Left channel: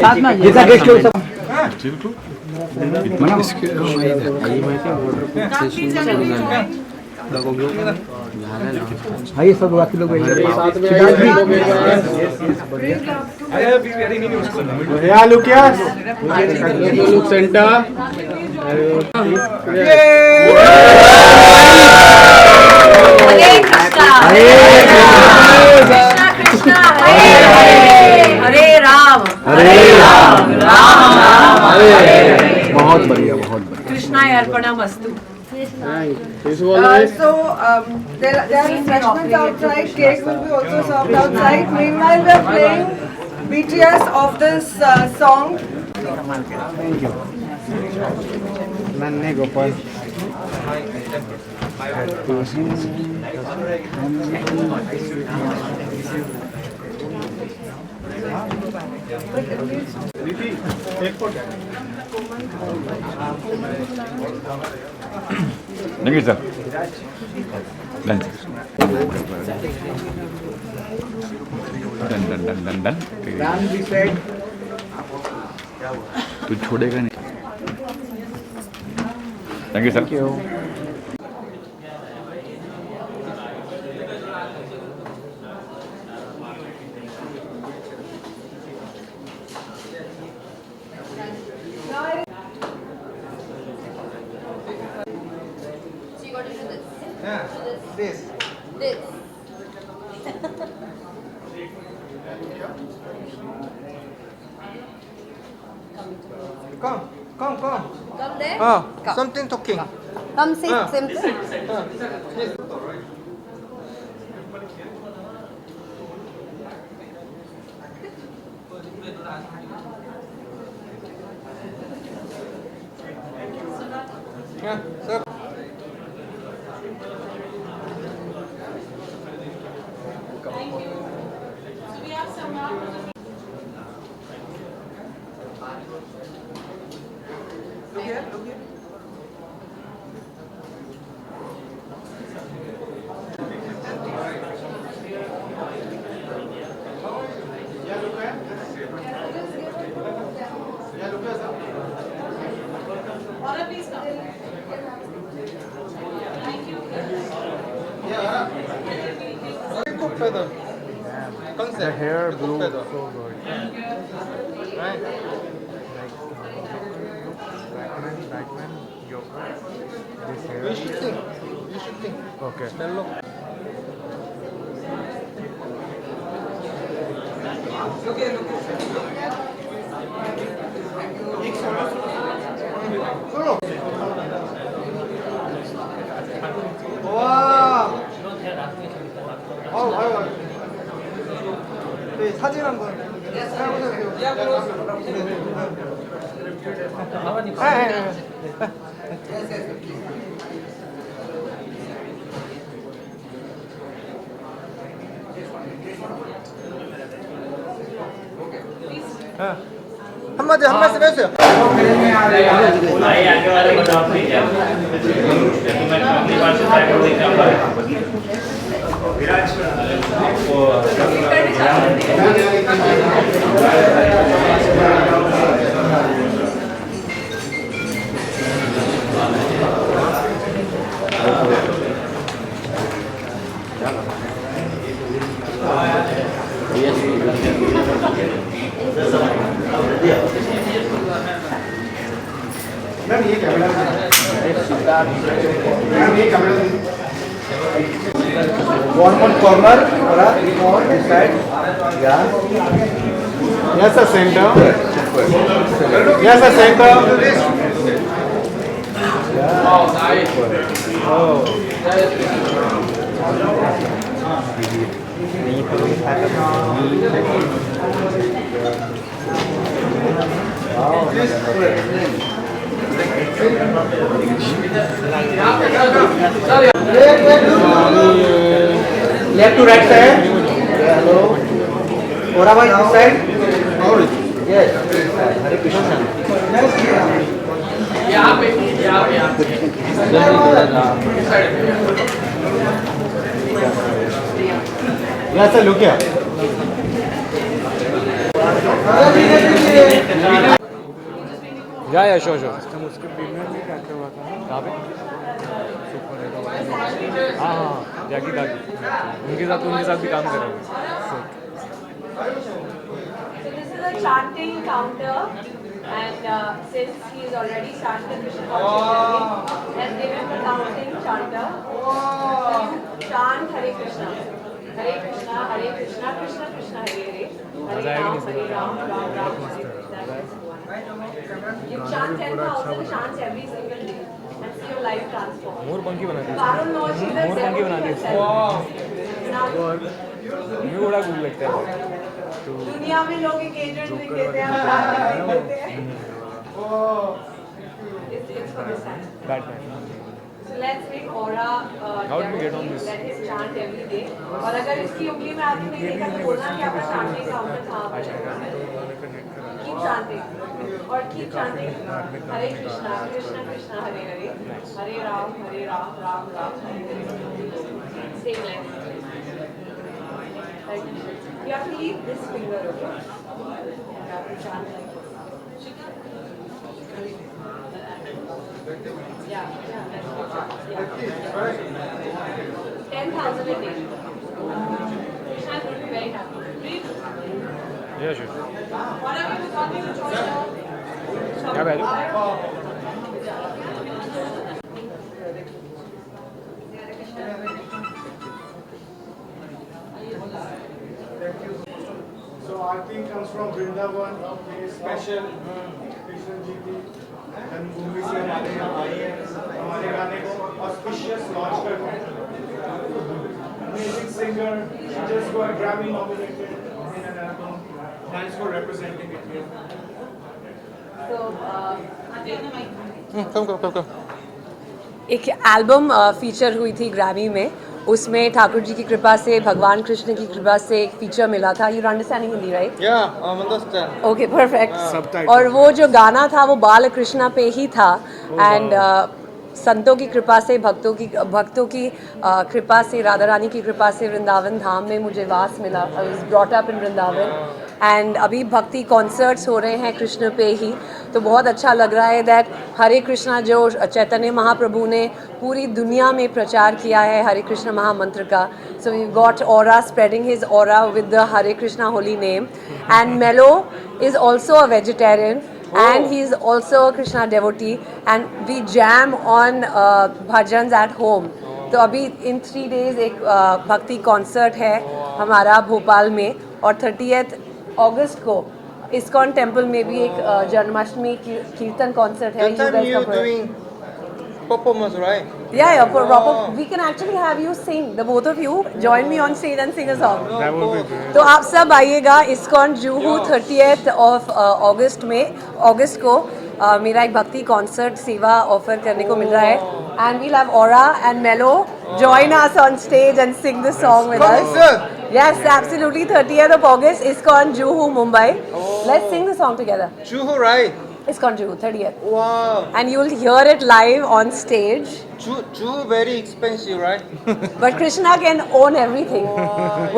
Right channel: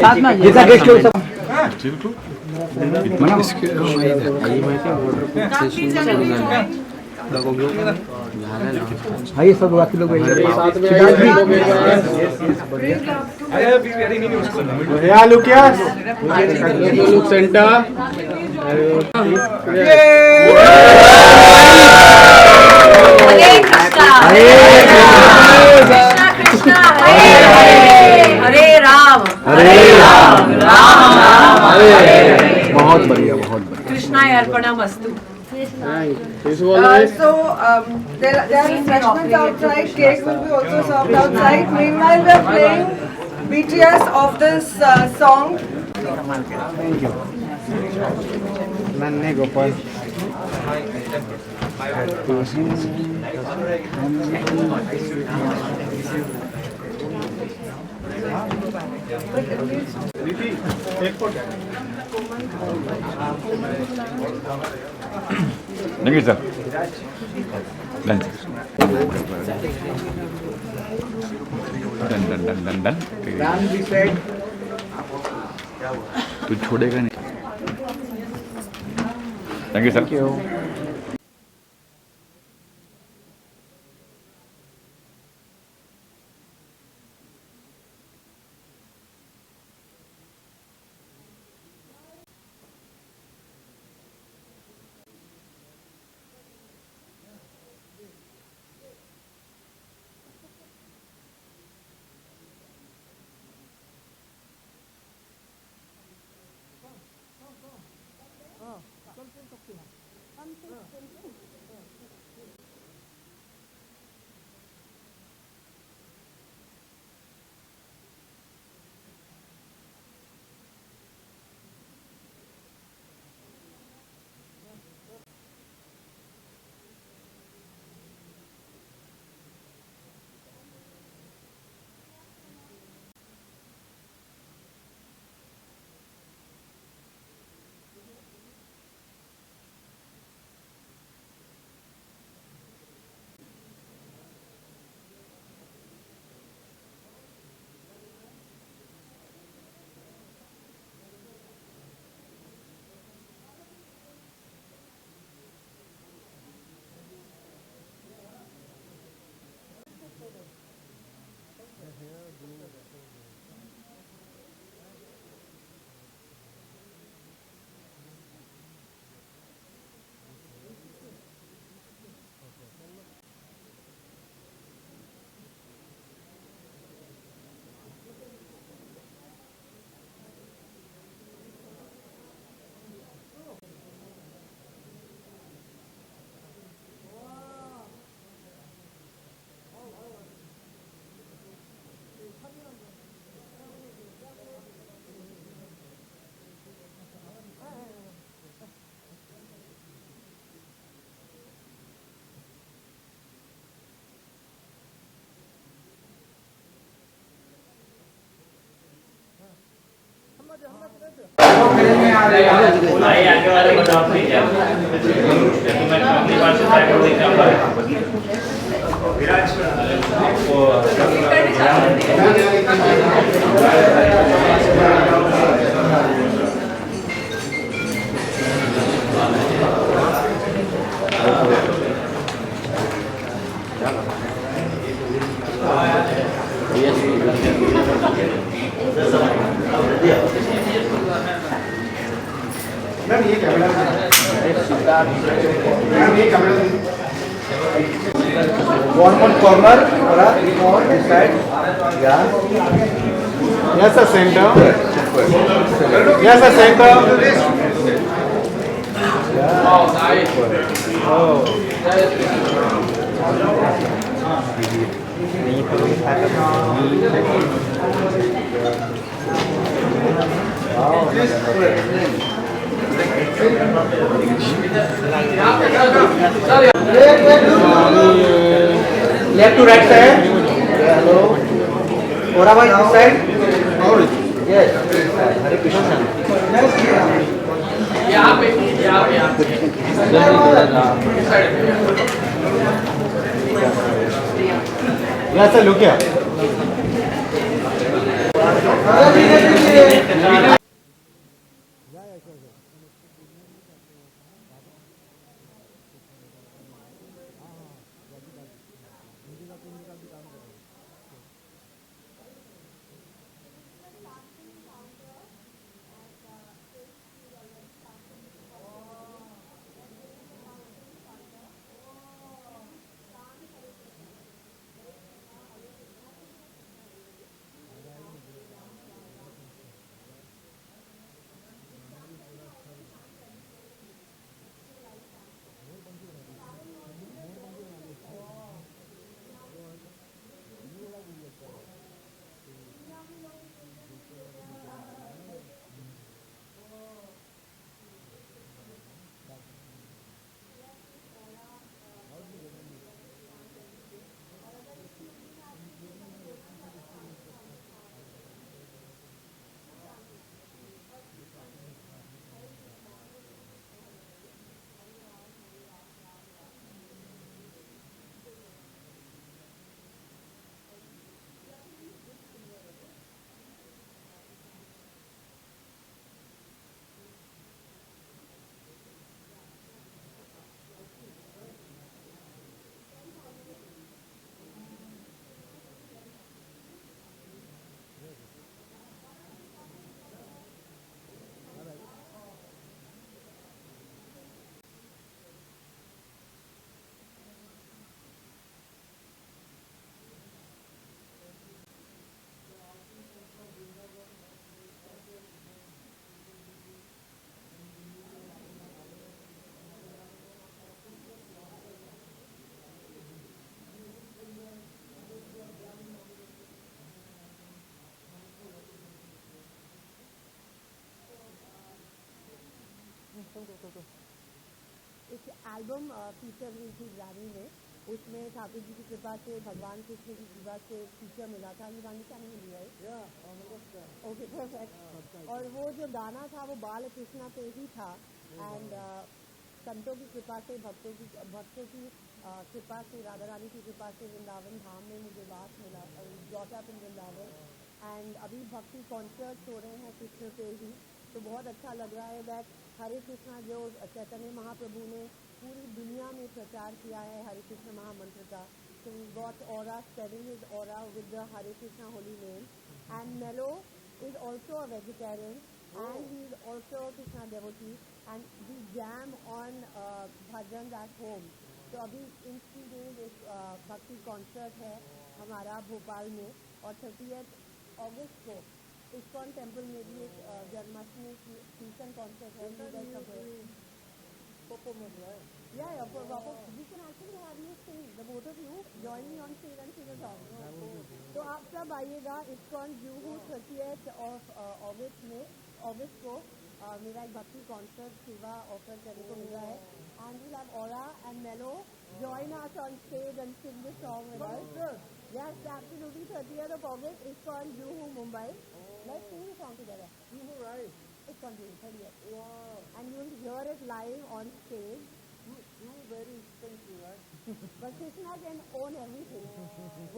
जितना गेस्ट लोग सब हाँ ये सब बाकी लोग लुक सेंटर हरे राम बहुत बढ़िया बहुत बढ़िया कृष्णाय अर्पणमस्तु So there are refreshments outside. Cake will be also served outside. Meanwhile, we are playing BTS of this song. Thank you. Nanne Gopal. Thank you, sir. Done. Done. Done this side. तू छोड़ेगा नहीं. Thank you, sir. Thank you. Come there. Something talking. Come sit, simple. Sir. Feather. The hair blue, so good. Right. Backman, yoga. This hair. You should think. Okay. Smell look. Wow. 사진 한 번. 한 말씀 해주세요. One more corner, more this side. Yeah. Yes, sir, center. Yes, sir, center. Oh, nice. Oh. Left to right side. Hello. Ora bhai this side. Yes. Hare Krishna. यहाँ पे Yes sir, look here. या sure sure हम उसके premiere में करते हुआ था कहाँ पे सुपर हीरो हाँ हाँ जैकी काकी उनके साथ भी काम कर रहा हूँ So this is a chanting counter, and since he is already started Krishna consciousness, let's give him the counting chanter. So you chant Hare Krishna, Krishna Krishna, Krishna Hare Hare, Hare Ram, Ram Ram Hare Hare. You chant 10,000 chants every single day and see your life transform. मोर पंखी बना दी Karun knows she मोर पंखी बना दी मुझे बड़ा cool लगता है दुनिया में लोग एक एजेंट नहीं देते हैं, नहीं देते हैं. It's for this time. Batman So let's make Aura How do we get on this? let his chant every day. और अगर इसकी उंगली में आपने नहीं देखा तो बोलना कि आपका chanting counter कहाँ पर है. Keep chanting और keep chanting. Hare Krishna, Krishna Krishna, Hare Hare, Hare Ram, Ram Ram, Hare Hare. Same line. Like, you have to leave this finger, okay? You have to chant like this. Yeah, that's good. Yeah. 10,000 a day. Krishna is going to be very happy. Breathe. या sure Whatever you got, you choice. क्या बैठ So Aarti comes from Vrindavan, special Krishna जी की जन्मभूमि से हमारे यहाँ आई है, हमारे गाने को auspicious launch करते हैं. Amazing singer, she just got Grammy nominated in an album. Thanks for representing it here. So, कम एक एल्बम फीचर हुई थी ग्रैमी में, उसमें ठाकुर जी की कृपा से, भगवान कृष्ण की कृपा से एक फीचर मिला था. You understanding Hindi right? Yeah, understand. Okay perfect. Subtitle. और वो जो गाना था वो बाल कृष्णा पे ही था. एंड संतों की कृपा से, भक्तों की कृपा से, राधा रानी की कृपा से वृंदावन धाम में मुझे वास मिला. I was brought up in Vrindavan and अभी भक्ति कॉन्सर्ट्स हो रहे हैं कृष्ण पे ही, तो बहुत अच्छा लग रहा है दैट हरे कृष्णा जो चैतन्य महाप्रभु ने पूरी दुनिया में प्रचार किया है हरे कृष्ण महामंत्र का. So we got Aura spreading his aura with the Hare Krishna holy name. And Mellow is also a vegetarian and he is also a Krishna devotee, and we jam on bhajans at home. तो अभी in 3 days एक भक्ति concert है हमारा भोपाल में, और 30th अगस्त को ISKCON temple में भी एक जन्माष्टमी कीर्तन कॉन्सर्ट है. That time you doing performance, right? Yeah, proper. We can actually have you sing. The both of you join me on stage and sing a song. That would be great. तो आप सब आइएगा ISKCON Juhu 30th of अगस्त को मेरा एक भक्ति concert सेवा offer करने को मिल रहा है. And we'll have aura and mellow join us on stage and sing the song with us. Yes, absolutely. 30th of August, ISKCON Juhu, Mumbai. Let's sing the song together. Juhu, right? ISKCON Juhu, 30th. Wow. And you'll hear it live on stage. Juhu very expensive, right? But Krishna can own everything.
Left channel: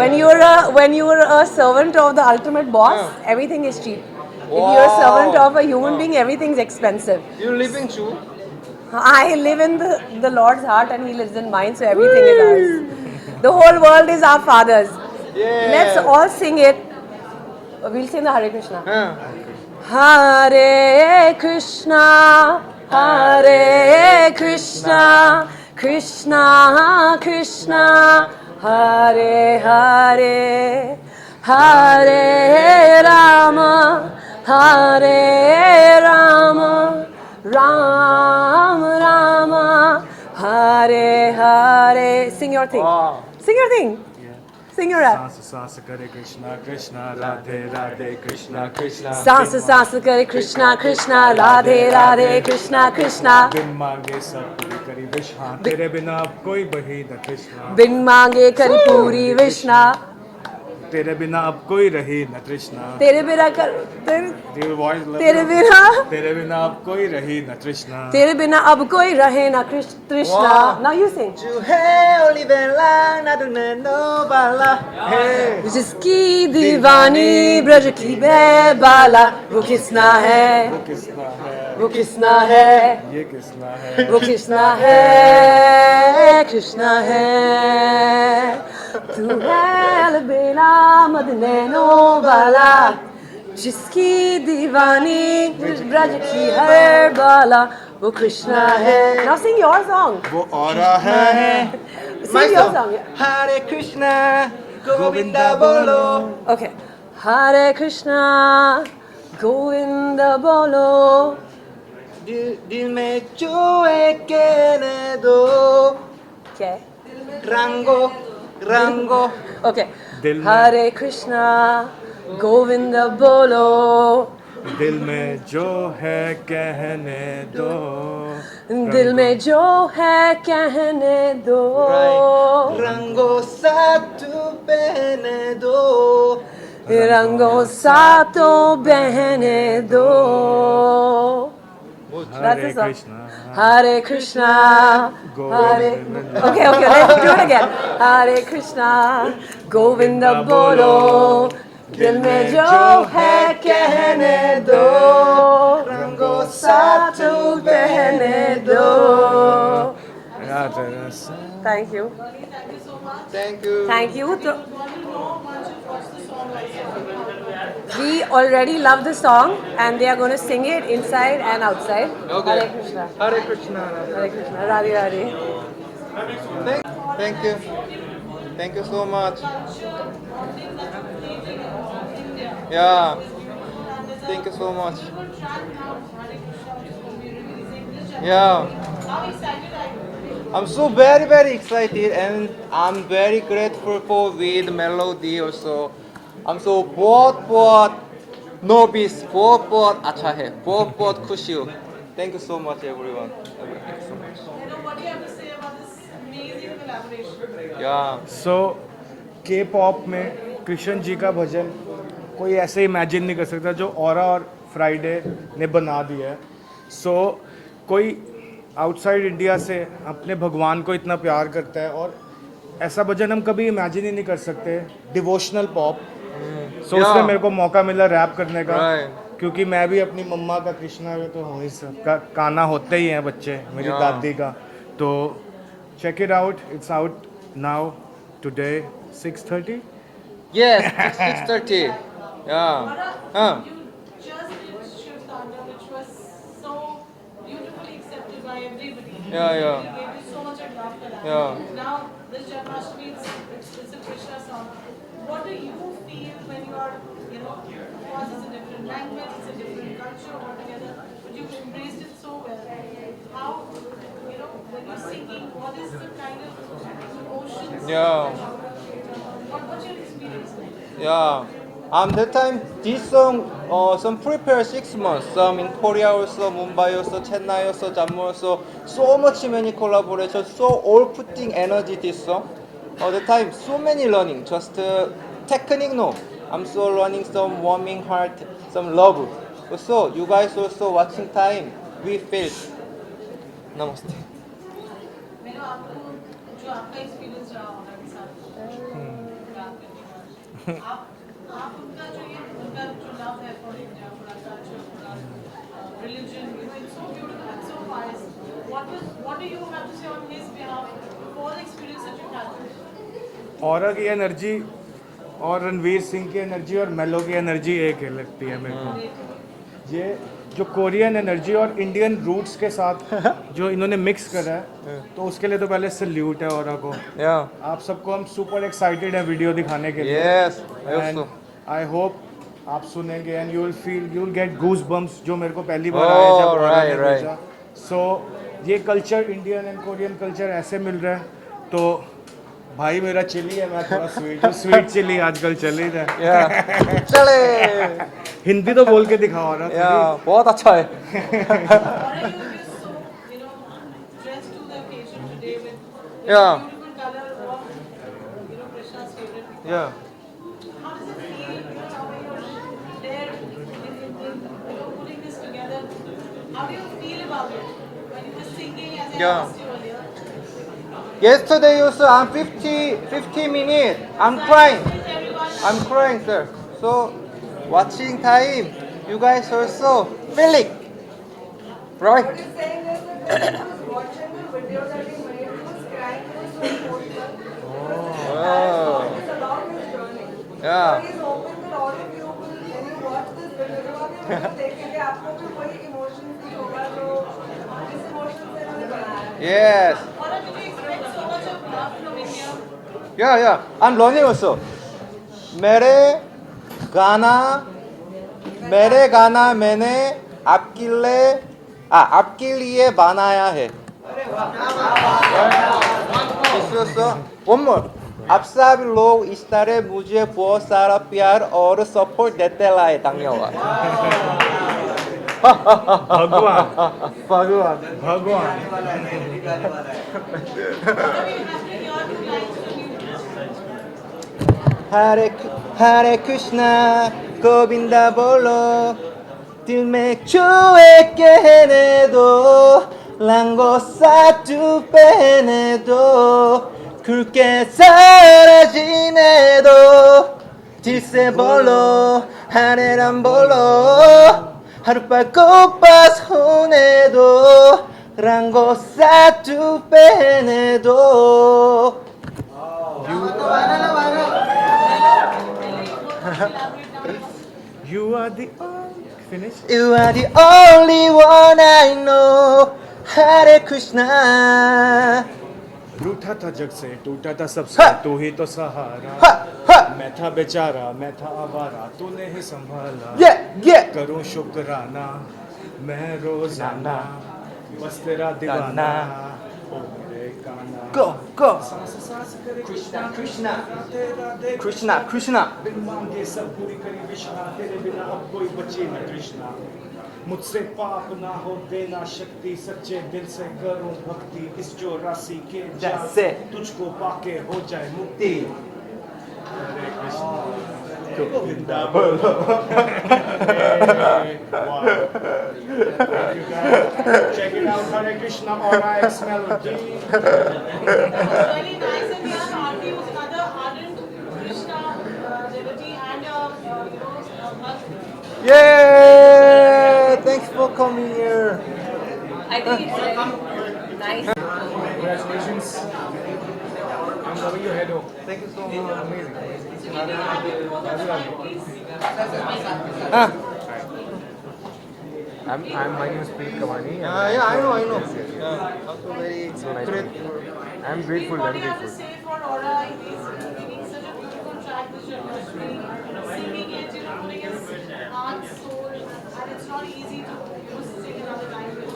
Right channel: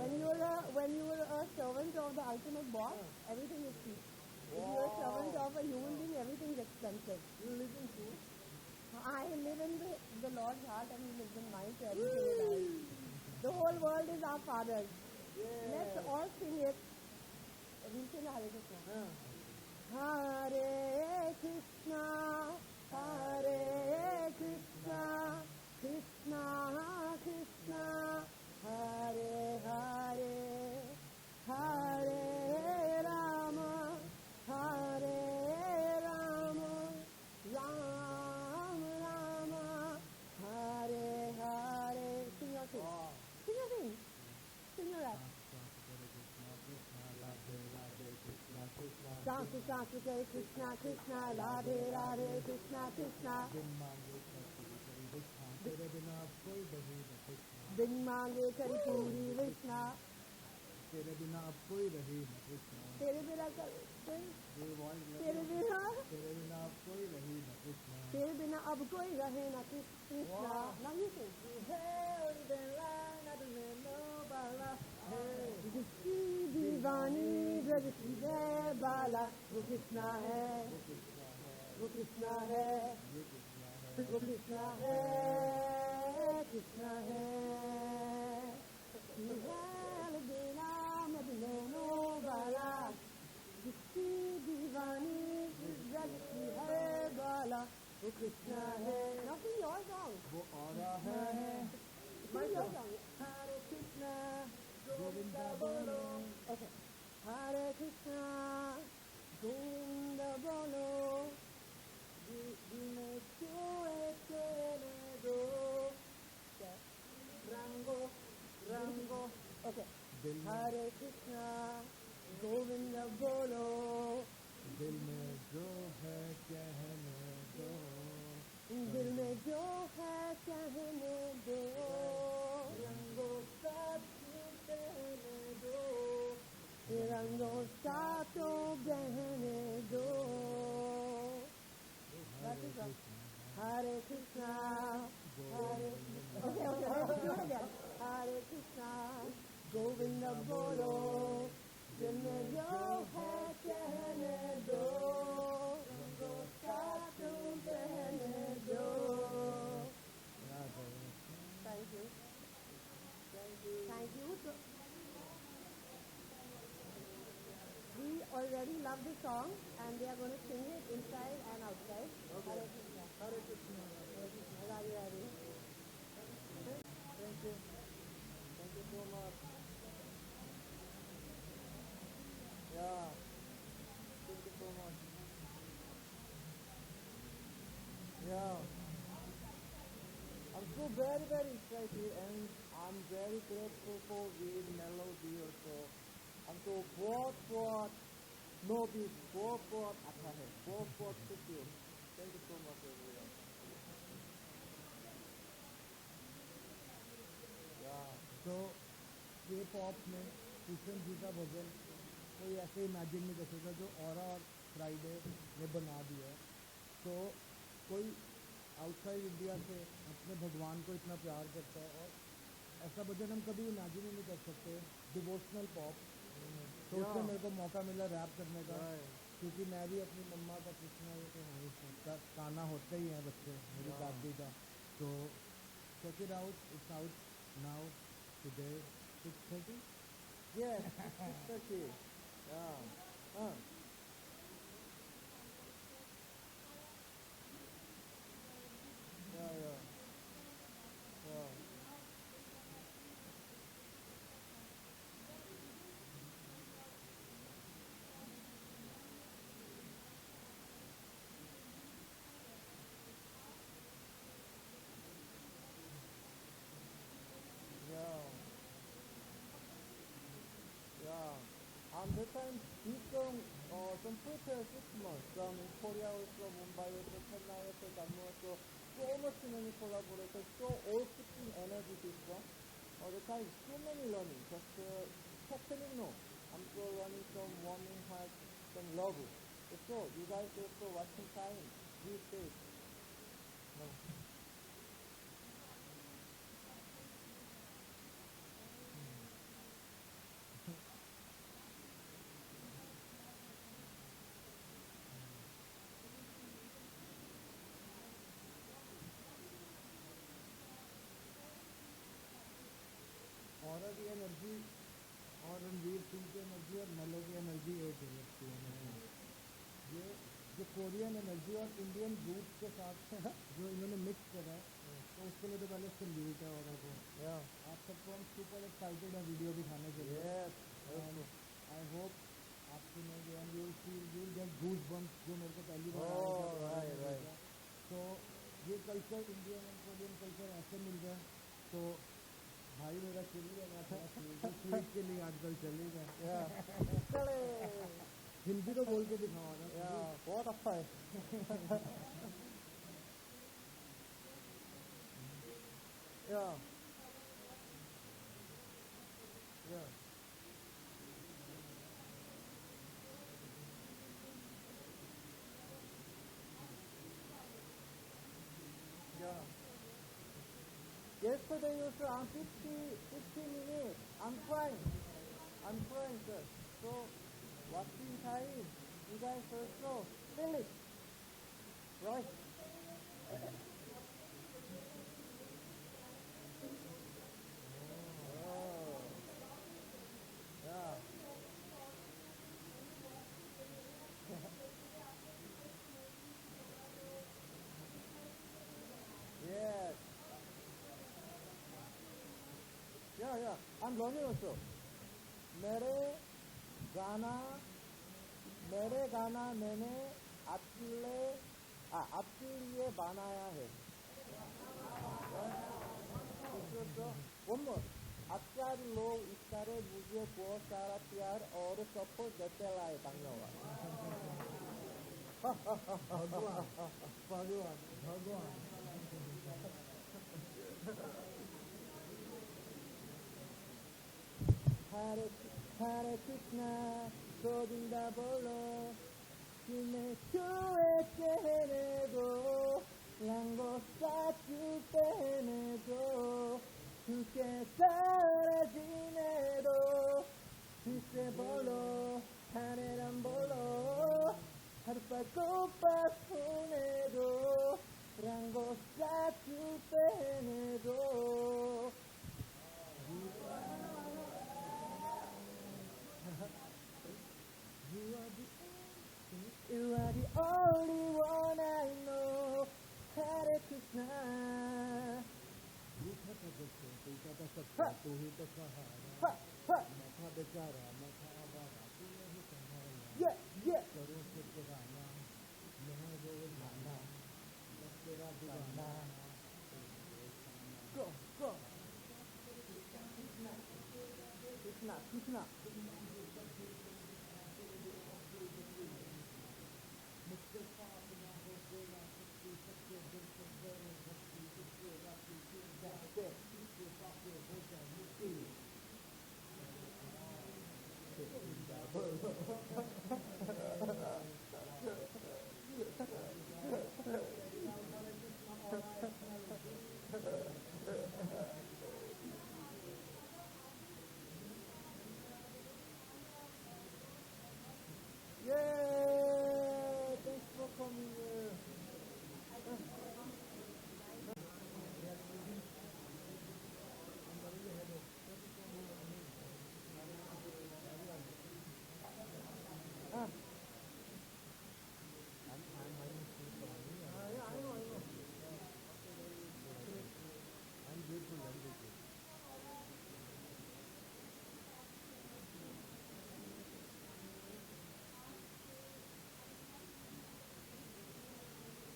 When you're a servant of the ultimate boss, everything is cheap. If you're a servant of a human being, everything's expensive. You live in Juhu? I live in the Lord's heart and He lives in mine, so everything is ours. The whole world is our Father's. Yeah. Let's all sing it. We'll sing the Hare Krishna. Huh. Hare Krishna, Hare Krishna, Krishna Krishna, Hare Hare, Hare Rama, Hare Rama, Ram Rama, Hare Hare. Sing your thing. Wow. Sing your thing. Sing your rap. सांस करे कृष्णा कृष्णा राधे राधे कृष्णा कृष्णा सांस सांस करे कृष्णा कृष्णा राधे राधे कृष्णा कृष्णा. बिन मांगे सब पूरी करी विष्णा तेरे बिना अब कोई बही न कृष्णा बिन मांगे करी पूरी विष्णा. तेरे बिना अब कोई रही न तृष्णा तेरे बिना कर वॉइस तेरे बिना तेरे बिना अब कोई रही न तृष्णा तेरे बिना अब कोई रहे ना तृष्णा. Now you sing. जिसकी दीवानी ब्रज की बैबाला वो किसना है किसना है वो किसना है ये किसना है वो कृष्णा है कृष्णा है तू है अलबेला मद नैनो वाला जिसकी दीवानी ब्रज की हर बाला वो कृष्णा है. Now sing your song. वो औरा है Sing your song. Hare Krishna, Govinda Bolo. Okay. Hare Krishna, Govinda Bolo. दिल में जो है कहने दो Okay. रंगो Okay. दिल में- Hare Krishna, Govinda Bolo. दिल में जो है कहने दो दिल में जो है कहने दो. रंगो साथ पहने दो रंगों सातों बहने दो. That's the Hare song. Krishna Hare Krishna, Hare. Okay, let's do it again. Hare Krishna, Govinda Bolo. दिल में जो है कहने दो. रंगों सातों बहने दो. Thank you. Thank you Thank you. We already love the song and they are going to sing it inside and outside. Okay. Hare Krishna. Hare Krishna Hare Krishna. Radhe Radhe. Thank you so much thank you so much I'm so very excited and I'm very grateful for with melody also. I'm so बहुत novice बहुत अच्छा है बहुत खुशी हूँ. Thank you so much everyone. Thank you so much. सो के pop में कृष्ण जी का भजन कोई ऐसे इमेजिन नहीं कर सकता जो ऑरा और फ्राइडे ने बना दिया है. सो कोई आउटसाइड इंडिया से अपने भगवान को इतना प्यार करता है और ऐसा भजन हम कभी इमेजिन ही नहीं कर सकते. Devotional pop. सो उसमें मेरे को मौका मिला रैप करने का. क्योंकि मैं भी अपनी मम्मा का कृष्णा में तो हूँ ही सब का गाना होते ही हैं बच्चे मेरी दादी का. तो check it out. It's out now today 6:30. Yes, 6:30. Yeah. Just did Shiv Tandava, which was so beautifully accepted by everybody. Yeah. You gave you so much of love for that. Yeah. Now, this Janmashtami, it's a Krishna song. What do you feel when you are, of course it's a different language, it's a different culture altogether, but you've embraced it so well. How, when you're singing, what is the kind of emotions? Yeah. What's your experience like? Yeah. That time this song some prepare 6 months. Some in Korea also, Mumbai also, Chennai also, Jammu also. So much many collaborations. So all putting energy this song. The time so many learning. Just technique no. I'm so learning some warming heart, some love. Also you guys also watching time. We feel. Namaste. मैंने आपको जो आपका experience रहा होगा के साथ बात करने का आप उनका जो लव है for India for our culture for our religion it's so beautiful and so wise what do you have to say on his behalf for the experience that you had Aura की energy और रणवीर सिंह की energy और मेलो की energy एक है लगती है मेरे को. ये जो कोरियन एनर्जी और इंडियन रूट्स के साथ जो इन्होंने मिक्स करा है तो उसके लिए तो पहले सल्यूट है ऑरा को. Yeah. आप सबको हम सुपर एक्साइटेड है वीडियो दिखाने के लिए. Yes. I and also. I hope आप सुनेंगे and you will get goosebumps जो मेरे को पहली बार Oh, आया जब ऑरा ने right. भेजा. सो ये culture Indian and Korean culture ऐसे मिल रहा है. तो भाई मेरा चिली है, मैं थोड़ा स्वीट चिली आजकल चल ही रहा है. Yeah. चले. हिंदी तो बोल के दिखाओ ना. Yeah. बहुत अच्छा है. Or are you just so, dressed to the occasion today with Yeah. beautiful color of, Krishna's favorite. Yeah. How How do you feel about it when you were singing as I Yeah. asked you earlier? Yesterday also I'm 50 minutes. I'm crying. I'm crying, sir. So watching time, you guys also feel it, right? What he's saying is that when he was watching the video that he made, he was crying, he was so emotional. Oh, It's along his journey. yeah. He's hoping that all of you will, when you watch this video, जब आप ये video देखेंगे, आपको भी वही emotion feel होगा जो जिस emotion से इन्होंने बनाया है. Yes. Or did you expect so much of love from India? Yeah. I'm learning also. मेरे गाना मैंने आपके लिए बनाया है. इसलिए one more. आप सब लोग इस तरह मुझे बहुत सारा प्यार और सपोर्ट देते लाए धन्यवाद. भगवान भगवान. भगवान हरे कृष्णा गोविंदा बोलो दिल में छुए कहने दो 랑고 사투 빼내도 굵게 사라지네도 질세벌로 하늘안 볼로 하룻밤 꽃밭 손에도 랑고 사투 빼내도 You are the finish. You are the only one I know Hare Krishna रूठा था जग से टूटा था सबसे हा! तू ही तो सहारा Ha ha मैं था बेचारा मैं था आवारा तूने ही संभाला Yeah करूं शुक्राना मैं रोजाना बस तेरा दीवाना ओ मेरे काना Go सांस सांस करे कृष्णा Krishna तेरा देख Krishna बिन मांगे सब पूरी करी विष्णा तेरे बिना अब कोई बचे न कृष्णा मुझसे पाप ना हो देना शक्ति सच्चे दिल से करूं भक्ति इस चौरासी के जाल That's it. तुझको पाके हो जाए मुक्ति हरे कृष्णा गोविंदा बोलो Check it out, Hare Krishna RX melody. Really nice, and we are Aarti, who's another ardent Krishna devotee and bhakt. Yeah Thanks for coming here I think it's very nice. Congratulations. I'm loving your head. Thank you so much Amazing. Ah My name is Preet Kawani. yeah I know yeah also very grateful I'm grateful. What do you have to say for Aura? He's giving such a beautiful track with Janmashtami, singing it, putting his heart, soul, and it's not easy to sing another language.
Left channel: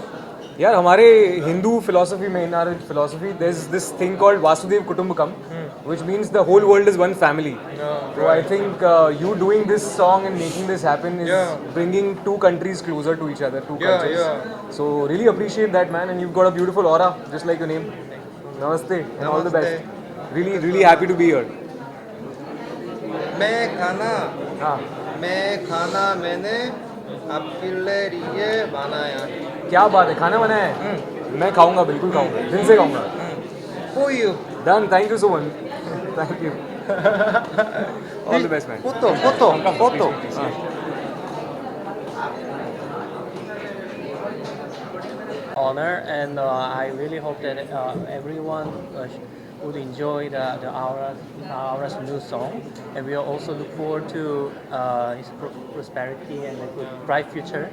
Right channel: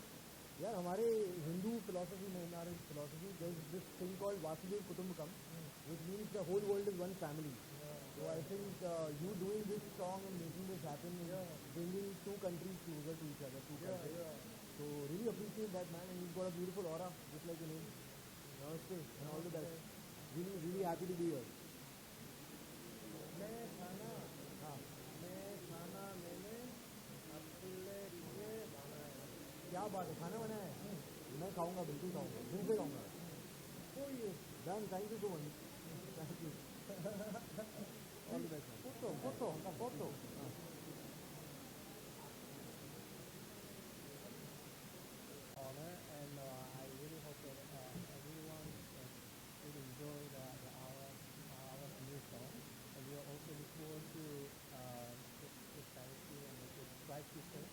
यार हमारे Hindu philosophy में in our philosophy there is this thing called Vasudhaiva Kutumbakam which means the whole world is one family so I think you doing this song and making this happen is bringing two countries closer to each other two cultures so really appreciate that man and you got a beautiful aura just like your name namaste and all the best really happy to be here मैं खाना मैंने आपके लिए बनाया है क्या बात है खाना बनाया है मैं खाऊंगा बिल्कुल खाऊंगा दिन से खाऊंगा For you done thank you so much thank you all the best man Photo honor, and I really hope that everyone would enjoy the Aura's new song, and we also look forward to his prosperity and a good bright future.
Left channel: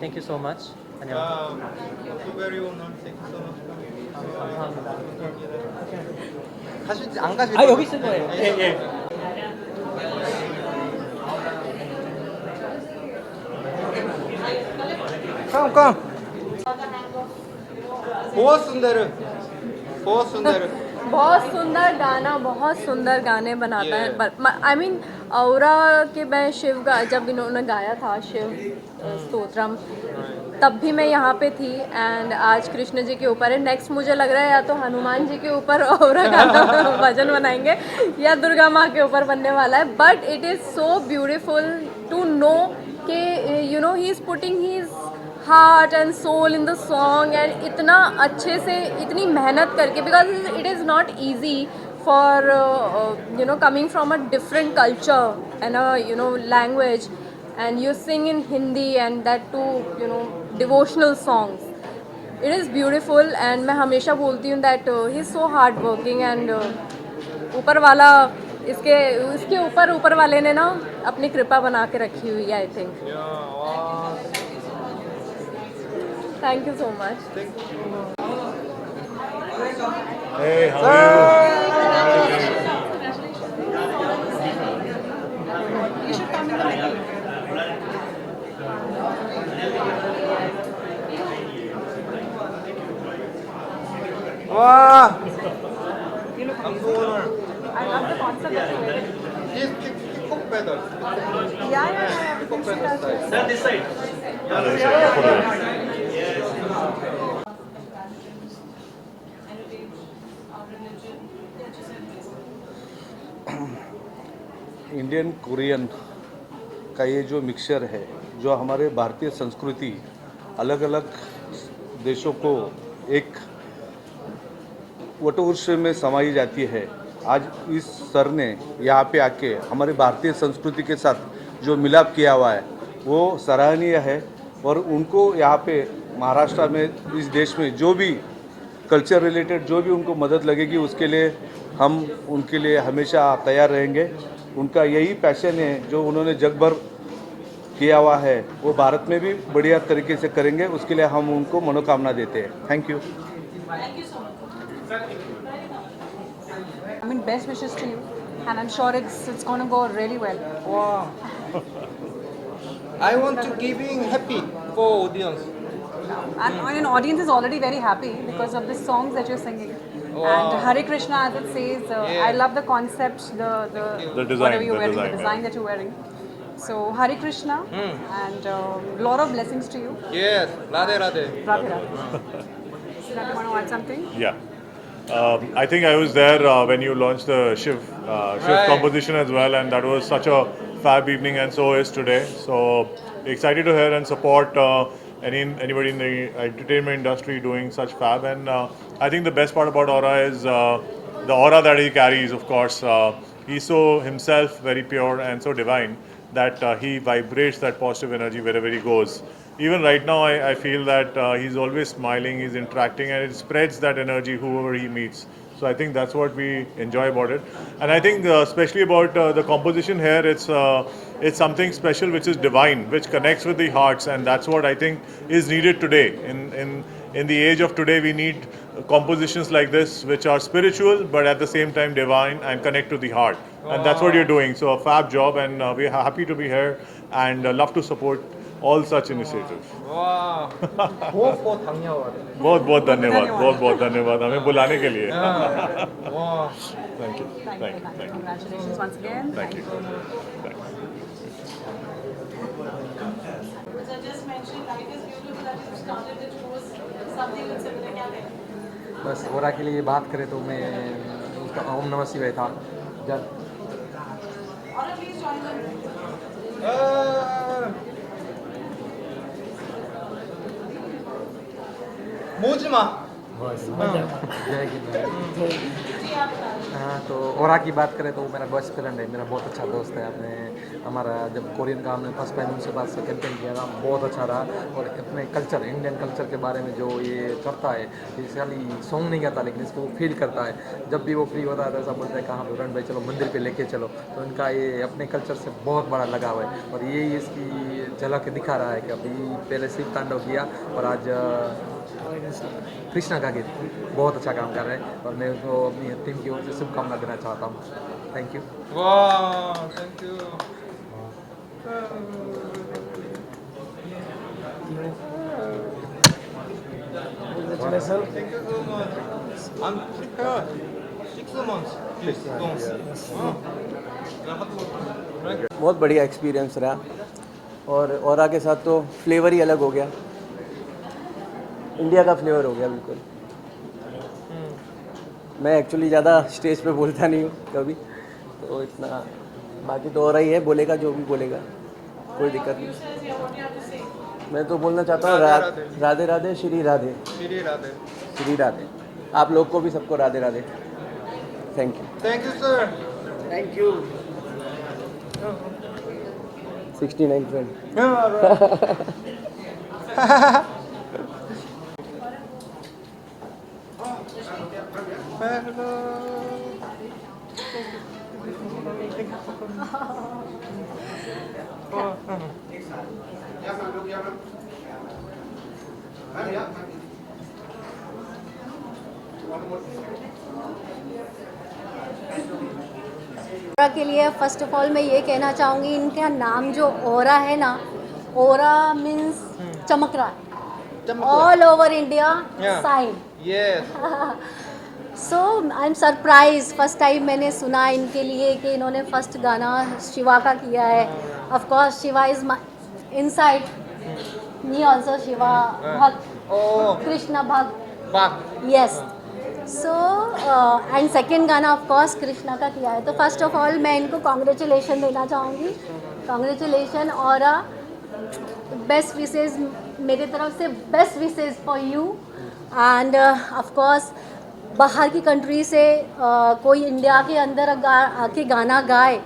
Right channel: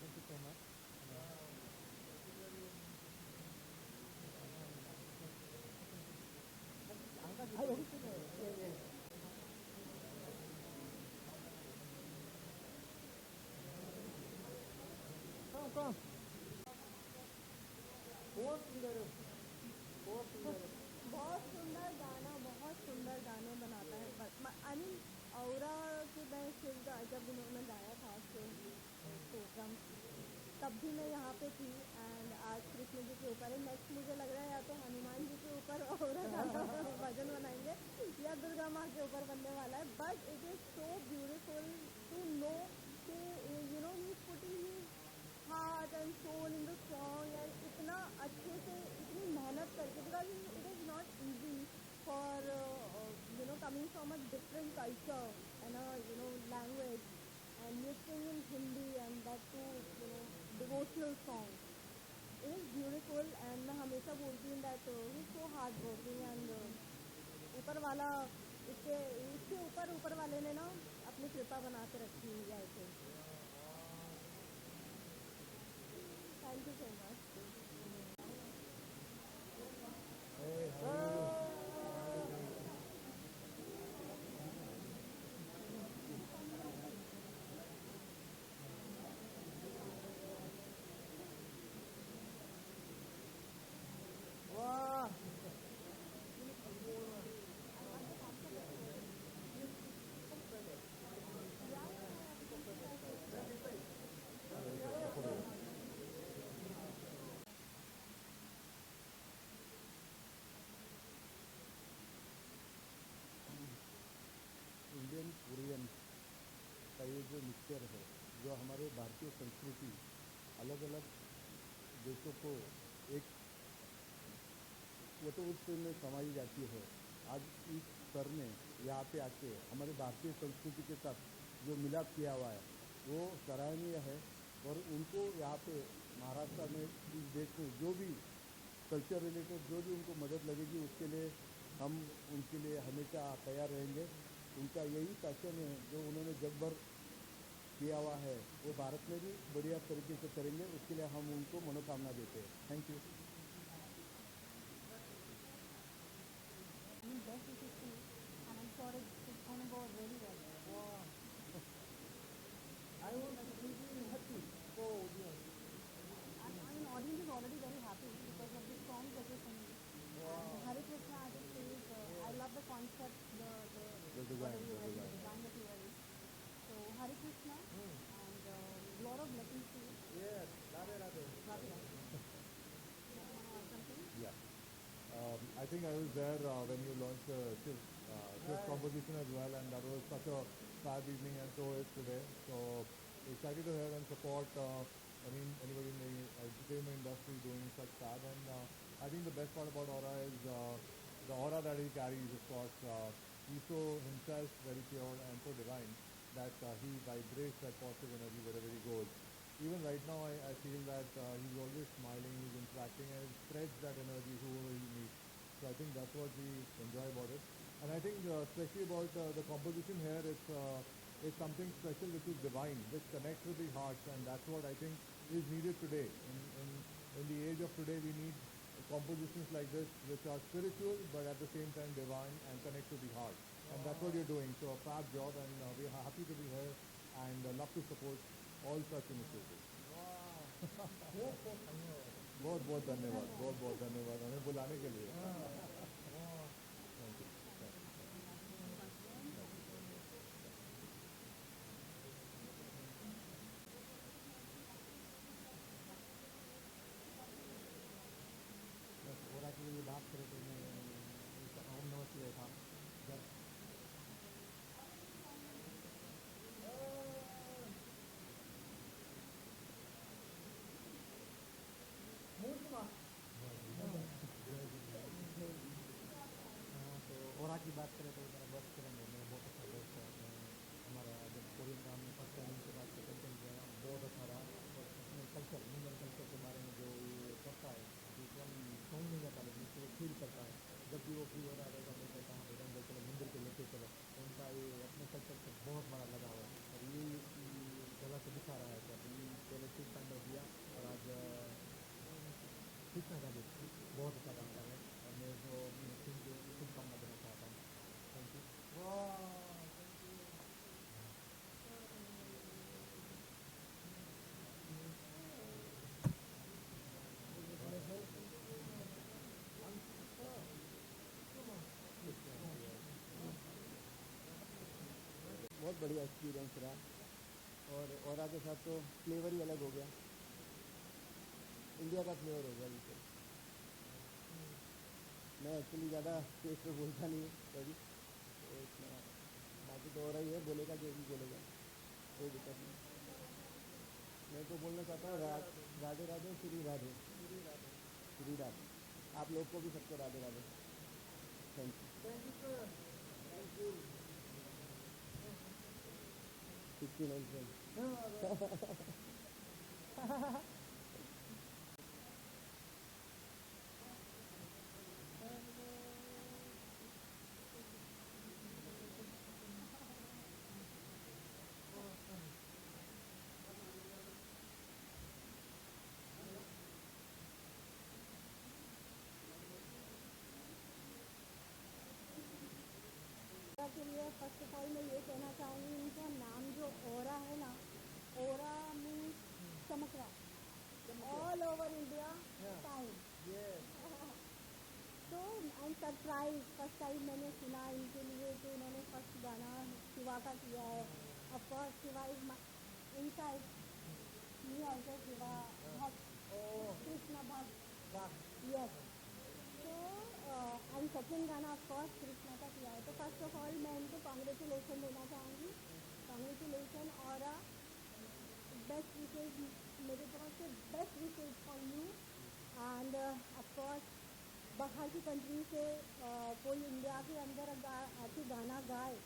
Thank you so much. Also very honored Thank you so much 가실지 안 가실 거예요? 여기 있을 거예요. 예. Come बहुत सुंदर बहुत सुंदर गाने बनाता है I mean औरा के मैं शिव का जब इन्होंने गाया था शिव स्तोत्रम तब भी मैं यहाँ पे थी एंड आज कृष्ण जी के ऊपर है नेक्स्ट मुझे लग रहा है या तो हनुमान जी के ऊपर औरा गाना भजन बनाएंगे या दुर्गा माँ के ऊपर बनने वाला है but it is so beautiful to know कि you know he is putting his heart and soul in the song and इतना अच्छे से इतनी मेहनत करके, because it is not easy for coming from a different culture and a language, and you sing in Hindi and that too devotional songs. It is beautiful and मैं हमेशा बोलती हूँ that he is so hard working and ऊपर वाला इसके ऊपर वाले ने ना अपनी कृपा बना के रखी हुई है, I think. Thank you so much. Hey, how are you? You should come in the middle. Wow! I'm so honored. I love the concept that you made. This kickbox pedal. Yeah. We can see that. Sir, this side. Indian Korean का ये जो mixture है, जो हमारे भारतीय संस्कृति अलग अलग देशों को एक वटवृक्ष में समाई जाती है, आज इस सर ने यहाँ पे आके हमारे भारतीय संस्कृति के साथ जो मिलाप किया हुआ है वो सराहनीय है। और उनको यहाँ पे महाराष्ट्र में, इस देश में जो भी कल्चर रिलेटेड जो भी उनको मदद लगेगी उसके लिए हम उनके लिए हमेशा तैयार रहेंगे। उनका यही पैशन है जो उन्होंने जग भर किया हुआ है, वो भारत में भी बढ़िया तरीके से करेंगे, उसके लिए हम उनको मनोकामना देते हैं। Thank you. I mean, best wishes to you, and I'm sure it's going to go really well. Wow. I want to giving happy for audience. And audience is already very happy because of the songs that you're singing. Wow. And Hare Krishna, as it says, Yeah. I love the concept, the design, whatever you're the wearing, design, the design that you're wearing. So Hare Krishna, and lot of blessings to you. Yes, Radhe Radhe. Radhe Radhe. Siddharth, you want to add something? Yeah. I think I was there when you launched the Shiv Right. composition as well, and that was such a fab evening, and so is today. So excited to hear and support anybody in the entertainment industry doing such fab. And I think the best part about Aura is the aura that he carries. Of course, he's so himself very pure and so divine that he vibrates that positive energy wherever he goes. Even right now, I feel that he's always smiling, he's interacting, and it spreads that energy whoever he meets. So I think that's what we enjoy about it. And I think especially about the composition here, it's something special which is divine, which connects with the hearts, and that's what I think is needed today. In the age of today, we need compositions like this, which are spiritual, but at the same time divine and connect to the heart. And that's what you're doing. So a fab job, and we're happy to be here and love to support all such initiatives. Wow. बहुत धन्यवाद. बहुत बहुत धन्यवाद हमें बुलाने के लिए. Wow. Thank you. Thank you. Thank you. Congratulations once again. Thank you. Which I just mentioned, life is beautiful that you started it was something with similar क्या बस ओरा के लिए बात करें तो मैं उसका ओम नमः शिवाय था जब Or at least join them. Mozma. जय हिंद। हाँ, तो ओरा की बात करें तो मेरा बेस्ट फ्रेंड है, मेरा बहुत अच्छा दोस्त है। आपने हमारा जब कोरियन का हमने फर्स्ट टाइम उनसे बात से कैंपेन किया था, बहुत अच्छा रहा। और अपने कल्चर, इंडियन कल्चर के बारे में जो ये करता है, ये खाली सॉन्ग नहीं गाता लेकिन इसको वो फील करता है। जब भी वो फ्री होता है तो ऐसा बोलता है कहाँ वरुण भाई चलो मंदिर पे लेके चलो। तो इनका ये अपने कल्चर से बहुत बड़ा लगाव है और यही इसकी झलक दिखा रहा है कि अभी पहले शिव तांडव किया और आज कृष्णा का गीत बहुत अच्छा काम कर रहे हैं और मैं उसको अपनी टीम की ओर से शुभकामना देना चाहता हूँ। Thank you. Wow. Thank you. Congratulations. Thank you so much. I'm prepared. 6 months. Please don't. बहुत बढ़िया एक्सपीरियंस रहा और ओरा के साथ तो फ्लेवर ही अलग हो गया, इंडिया का फ्लेवर हो गया बिल्कुल। मैं एक्चुअली ज़्यादा स्टेज पे बोलता नहीं हूँ कभी, तो इतना बाकी तो हो रहा ही है, बोलेगा जो भी बोलेगा, कोई दिक्कत नहीं। मैं तो बोलना चाहता हूँ राधे राधे राधे श्री राधे श्री राधे श्री राधे। आप लोग को भी सबको Radhe Radhe. Thank you. Thank you sir. Thank you. 69 friend. ओरा के लिए फर्स्ट ऑफ ऑल मैं ये कहना चाहूँगी, इनका नाम जो ओरा है ना, ओरा मीन्स चमक रहा है, all over India shine. Yes. So I am surprise, first time मैंने सुना इनके लिए कि इन्होंने फर्स्ट गाना शिवा का किया है। Of course Shiva is my inside, me also Shiva भक्त, कृष्ण भक्त। यस। सो एंड सेकेंड गाना ऑफ कोर्स कृष्णा का किया है। तो फर्स्ट ऑफ ऑल मैं इनको कॉन्ग्रेचुलेशन देना चाहूँगी, कॉन्ग्रेचुलेशन। और बेस्ट विशेज़ मेरे तरफ से, best wishes for you. End of course बाहर की कंट्री से कोई इंडिया के अंदर आके गाना गाए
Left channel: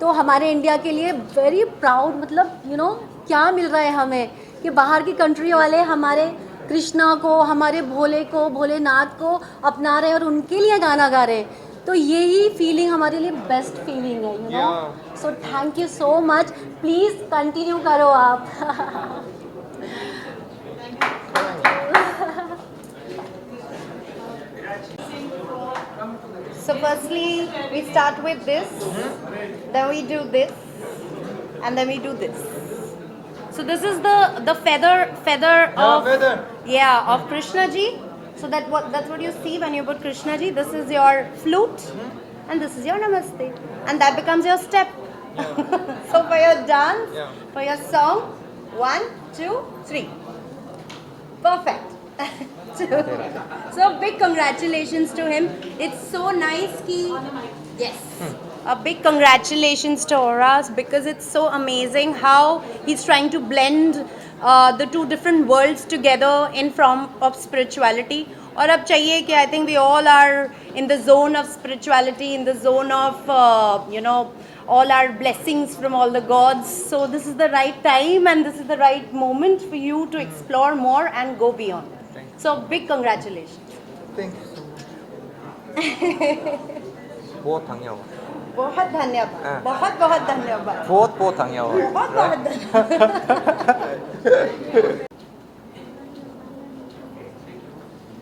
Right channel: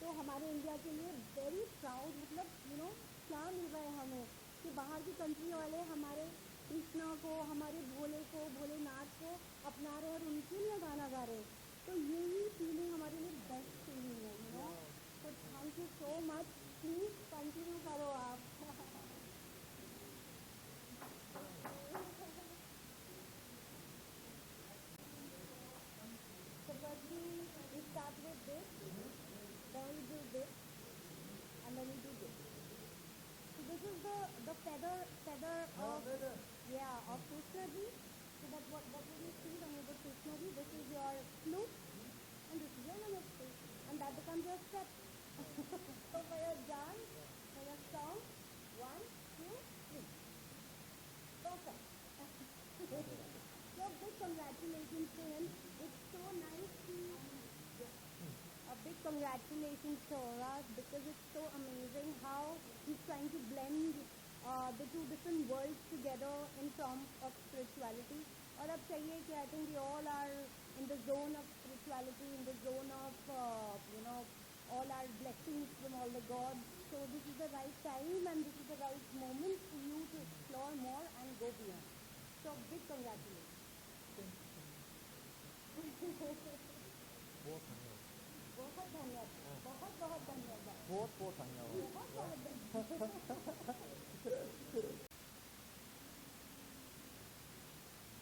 तो हमारे इंडिया के लिए वेरी प्राउड, मतलब यू नो क्या मिल रहा है हमें कि बाहर की कंट्री वाले हमारे कृष्णा को, हमारे भोले को, भोलेनाथ को अपना रहे और उनके लिए गाना गा रहे हैं। तो यही फीलिंग हमारे लिए बेस्ट फीलिंग है, you know. So thank you so much, please continue करो आप। So firstly, we start with this, then we do this, and then we do this. So this is the feather of of Krishna ji. So that's what you see when you put Krishna ji. This is your flute, and this is your namaste, and that becomes your step. So for your dance, for your song, 1, 2, 3, perfect. So big congratulations to him. It's so nice ki yes. A big congratulations to Oras, because it's so amazing how he's trying to blend the two different worlds together in form of spirituality. और अब चाहिए कि I think we all are in the zone of spirituality, in the zone of all our blessings from all the gods. So this is the right time and this is the right moment for you to explore more and go beyond. So big congratulations. Thank you so much. बहुत धन्यवाद। बहुत धन्यवाद, बहुत बहुत धन्यवाद, बहुत बहुत धन्यवाद। बहुत बहुत धन्यवाद।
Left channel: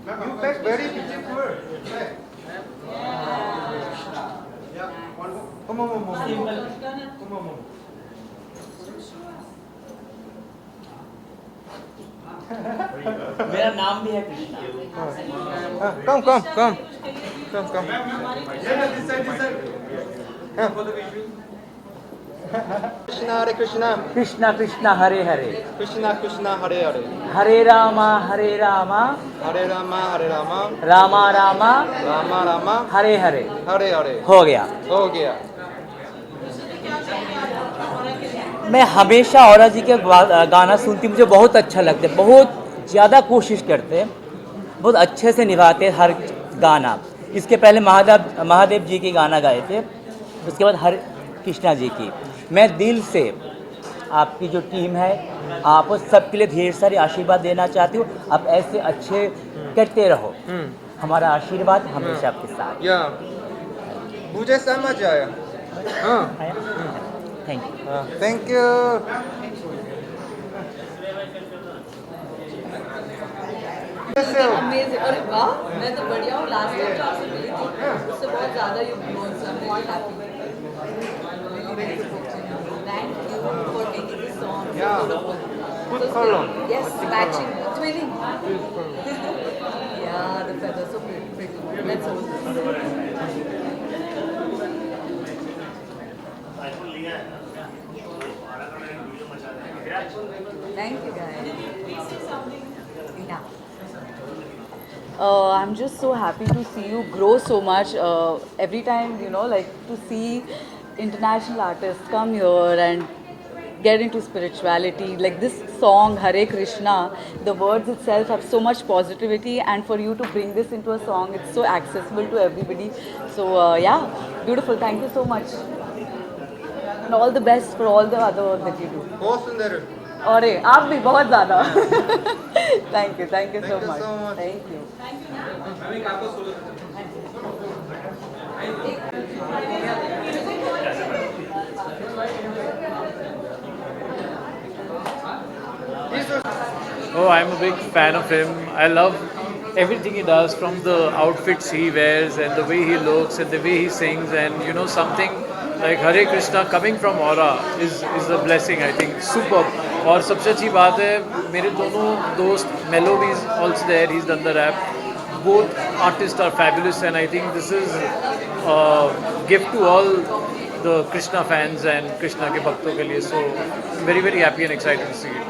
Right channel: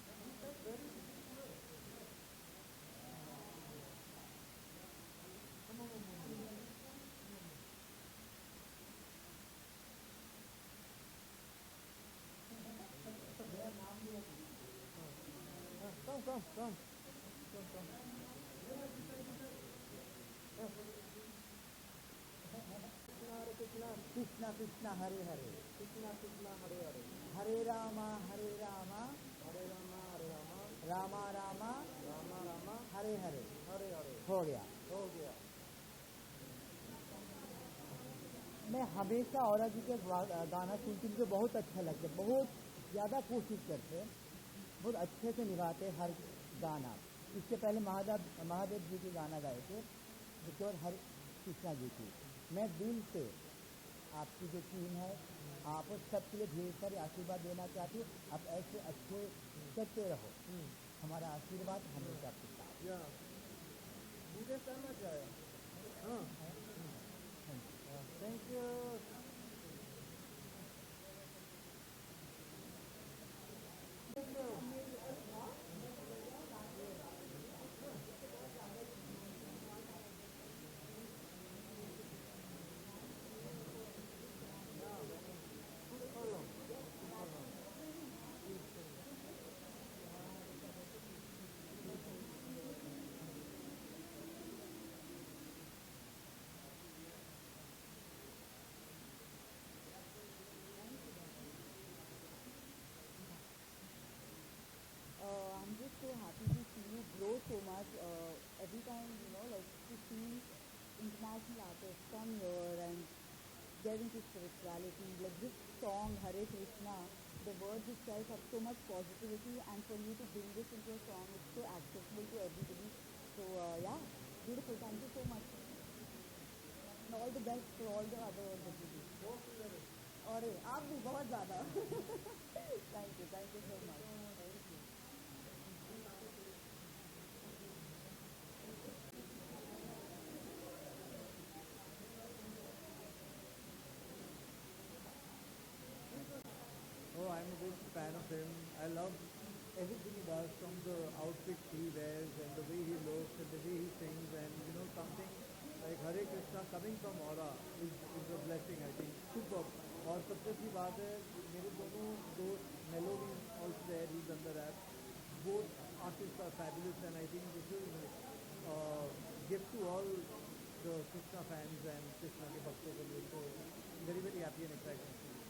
You look very beautiful. Come on. मेरा नाम भी है Krishna. Come. Krishna Hare Krishna. Krishna Krishna Hare Hare, Krishna Krishna Hare Hare. हरे रामा हरे Rama, Hare Rama Hare Rama. Rama Rama Rama Rama. Hare Hare. Hare Hare. हो गया। हो गया। मैं हमेशा औरा जी के गाना सुनती, मुझे बहुत अच्छा लगता है, बहुत ज़्यादा कोशिश करते हैं, बहुत अच्छे से निभाते हैं हर गाना। इसके पहले महादेव जी के गाना गाए थे, उसके बाद हर कृष्णा जी की। मैं दिल से आपकी जो टीम है, आप सबके लिए ढेर सारे आशीर्वाद देना चाहती हूँ। आप ऐसे अच्छे करते रहो, हमारा आशीर्वाद हमेशा आपके साथ। मुझे समझ आया। Thank you. Thank you. Amazing. अरे वाह, मैं तो बढ़िया हूँ। लास्ट टाइम जो आपसे मिली थी उससे बहुत ज़्यादा you grown, so I am really happy. Thank you for taking this song. Good color. Yes, matching, twinning. Yeah, the feathers so pretty. Let's hold this. Thank you guys. Yeah. I'm just so happy to see you grow so much. Every time, like to see international artists come here and get into spirituality. Like this song, Hare Krishna, the words itself have so much positivity, and for you to bring this into a song, it's so accessible to everybody. So yeah, beautiful. Thank you so much. And all the best for all the other work that you do. बहुत सुंदर है. और आप भी बहुत ज़्यादा. Thank you so much. Thank you. Oh, I'm a big fan of him. I love everything he does, from the outfits he wears and the way he looks and the way he sings, and you know, something like Hare Krishna coming from Aura is a blessing, I think. Superb. और सबसे अच्छी बात है, मेरे दोनों दोस्त, Mello is also there, he's done the rap. Both artists are fabulous, and I think this is a gift to all the Krishna fans and Krishna के भक्तों के लिए. So very, very happy and excited to see it.